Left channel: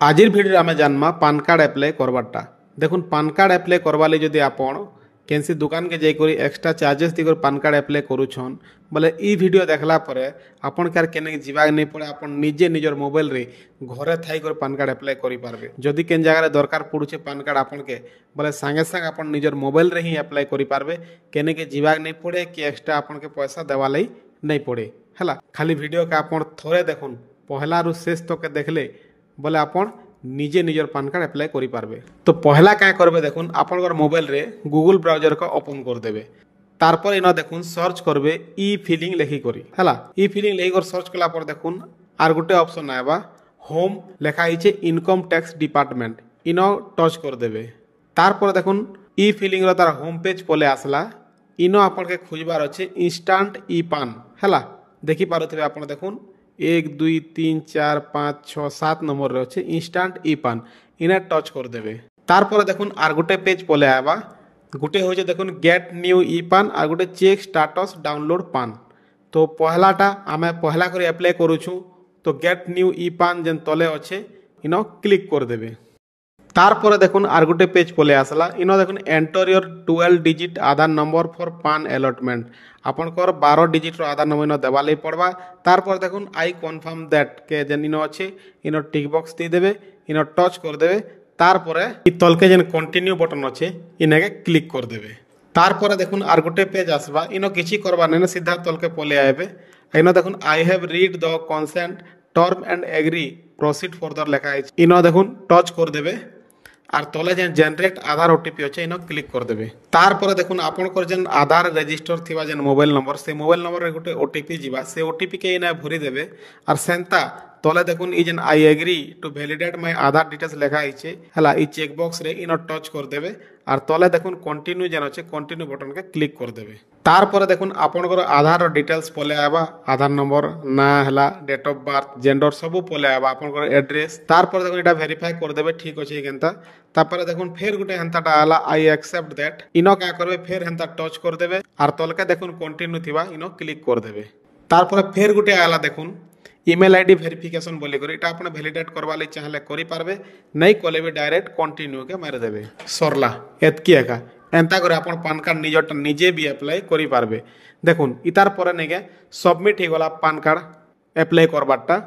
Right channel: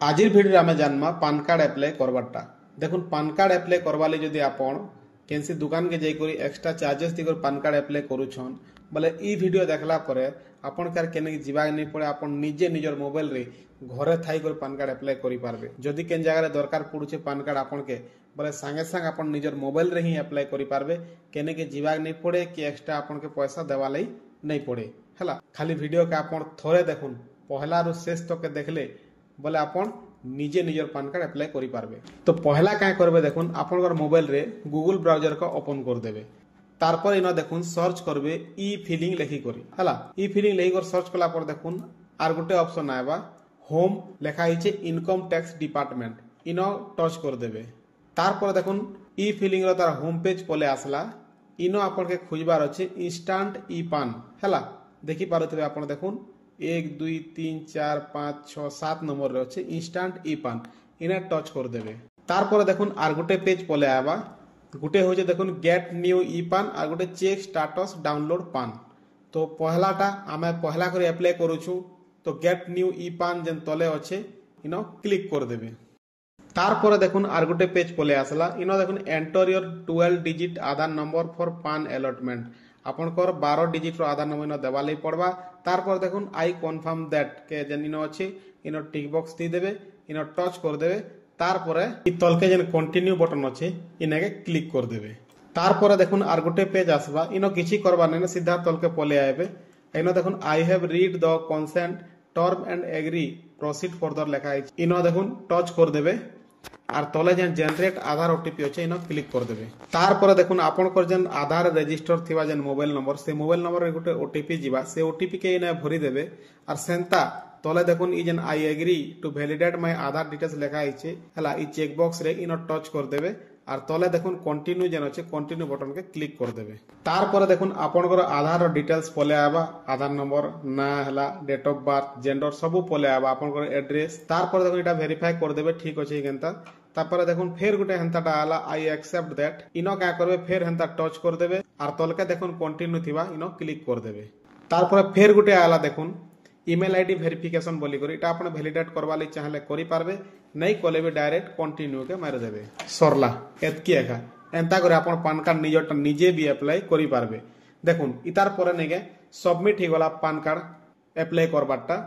आजिर video आम जानमा PAN card apply करवाटा। देखुन PAN card apply करवा ले जदि आपण केनसी दुकान के जाइकरी extra charges दिकर PAN card apply करूछन बोले ई वीडियो देखला परे आपण कार केने जीवा नहीं पड़े आपण निजे निजर मोबाइल रे घरे थाई कर पान कार्ड एप्लाय करि पारबे। जदि केन जगह रे दरकार पड़ुछे पान कार्ड आपण के बोले संगे संगे आपण निजर मोबाइल रे ही एप्लाय करि पारबे। केने के जीवा नहीं पड़े कि एक्स्ट्रा आपण के पैसा देवा लई नहीं पड़े हला। खाली वीडियो का आपण थोड़े देखुन पहला रु शेष तक के देखले बोले आपण निजे निजर पान कार्ड एप्लाय करि पारबे। तो पहला क्या करबे देखुन आपन मोबाइल रे गूगल ब्राउजर को ओपन कर देबे। तारपर इना देखुन सर्च करबे ई फिलिंग लेखि करी हला। ई फिलिंग लेखि कर सर्च कला पर देखुन आर गुटे ऑप्शन आएबा होम लेखा हिचे इनकम टैक्स डिपार्टमेंट इनो टच कर देबे। तारपर देखुन ई फिलिंग रो तार होम पेज पले आसला। इनो आपन के खोजबार अछि इंस्टेंट ई पान हला। देखि पारुथिबे आपन देखुन 1 2 3 4 5 6 7 नंबर रे अच्छे इंस्टेंट ई पान इना टच कर देबे। तारपर देखुन आर गुटे पेज पले आबा गुटे होजे देखुन गेट न्यू ई पान are Gute check status download पान। तो पहलाटा आमे पहला कर एप्लाई करूछु तो गेट न्यू ई पान जेन तले अच्छे इनो क्लिक कर देबे। तारपर देखुन आर गुटे पेज पले आसला। इनो देखुन enter your 12 digit Aadhaar number for पान अलॉटमेंट आपनकर 12 डिजिट रो आधार नंबर इनो देवा लई पड़बा। तारपर देखुन आई कन्फर्म दैट के जेन इनो अच्छे इनो टिक बॉक्स दे देबे इनो टच कर देबे। तारपर इ तलके जेन कंटिन्यू बटन अच्छे इनेके क्लिक कर देबे। तारपर देखुन आर गुटे पेज आसबा। इनो किछि करबा नै सीधा तलके पले आबे। इनो देखुन I have read the consent term and agree proceed further लेखा है इनो देखुन टच कर देबे। आर तले जेन जनरेट आधार ओटीपी अच्छे इनो क्लिक कर देबे। तारपर देखुन आपनकर जेन आधार रजिस्टर थिबा जेन मोबाइल नंबर से मोबाइल नंबर रे गुटे ओटीपी जीवा से ओटीपी के इना भरी देबे। आर सेंता तले देखुन ई जेन I agree to validate my Aadhaar details लेखा आइछे हला। ई चेक बॉक्स रे इनो टच कर देबे। आर तले देखुन कंटिन्यू जेन अच्छे कंटिन्यू बटन के क्लिक कर देबे। तारपर देखुन आपनकर आधार डिटेल्स पले आबा आधार नंबर ना हला डेट ऑफ बर्थ जेंडर सब पले आबा आपनकर एड्रेस। तारपर देखुन एटा वेरीफाई कर देबे ठीक अछि केनता। तापर देखुन फेर गुटे हेंताटा आला आई एक्सेप्ट दैट इनो क्या करबे फेर हेंता टच कर देबे। आर तलके देखुन कंटिन्यू थिबा इनो क्लिक कर देबे। तारपर फेर गुटे आला देखुन ईमेल आईडी वेरिफिकेशन बोली करी इटा आपण वैलिडेट करवा लई चाहले करि पारबे नहीं कोले भी डायरेक्ट कंटिन्यू के मार देबे सरला एतकी एका एंता करे आपण पान कार्ड निजटा निजे भी अप्लाई करि पारबे। देखुन इतार परे नेके सबमिट ही गला पान कार्ड अप्लाई करबाटा।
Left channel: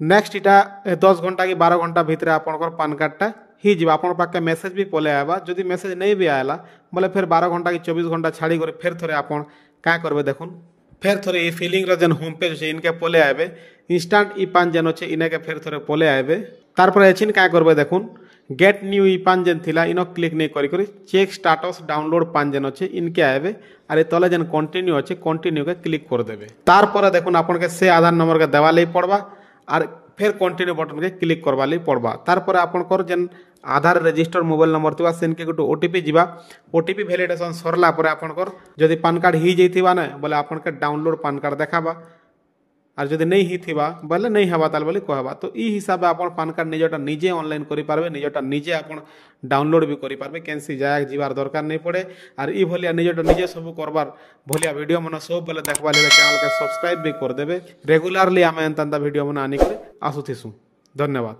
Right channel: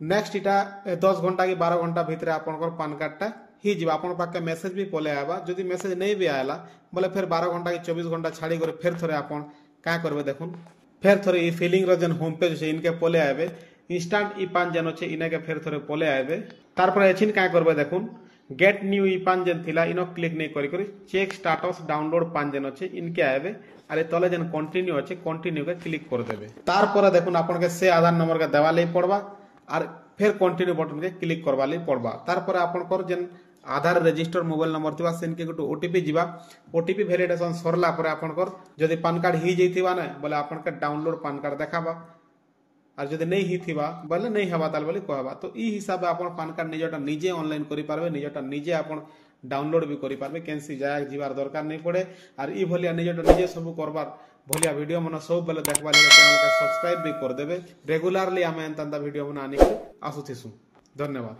नेक्स्ट इटा 10 घंटा कि 12 घंटा भीतर आपनकर पान कार्डटा ही जीवा आपन पाके मेसेज भी पले आबा। जदि मेसेज नहीं भी आयला बोले फिर 12 घंटा कि 24 घंटा छाड़ी करे फिर थोड़े आपन का करबे देखुन फिर थोड़े ई फिलिंग रे जेन होम पेज छे इनके पले आबे इंस्टेंट ई पान जेन छे इने के फिर थोड़े पले आबे। तारपर एचिन का करबे देखुन गेट न्यू ई पान जेन थिला इनो क्लिक नहीं करी करी चेक स्टेटस डाउनलोड पान जेन छे इनके आबे। अरे तले जेन कंटिन्यू अच्छे कंटिन्यू के क्लिक कर देबे। तारपर देखुन आपन के से आधार नंबर के देवा लई पड़बा आर फिर कंटिन्यू बटन के क्लिक करवा लई पड़बा। तारपर आपनकर जेन आधार रजिस्टर मोबाइल नंबर थिबा सेन के गोटे ओटीपी जीवा ओटीपी वैलिडेशन सरला परे आपनकर जदि पान कार्ड ही जइथिबा ना बोले आपन के डाउनलोड पान कार्ड देखाबा। आर जदि नहीं ही थिबा बोले नहीं हवा ताल बोली कहबा। तो ई हिसाब आपन पान कार्ड निजटा निजे ऑनलाइन करि पारबे निजटा निजे आपन डाउनलोड भी करि पारबे केनसी जाय जीवार दरकार नहीं पड़े। आर ई भलिया निजटा निजे सब करबार भलिया वीडियो मन सब बेले देखबा ले चैनल के सब्सक्राइब भी कर देबे। रेगुलरली आमे एंता वीडियो मन आनी के आसुथिसु। धन्यवाद।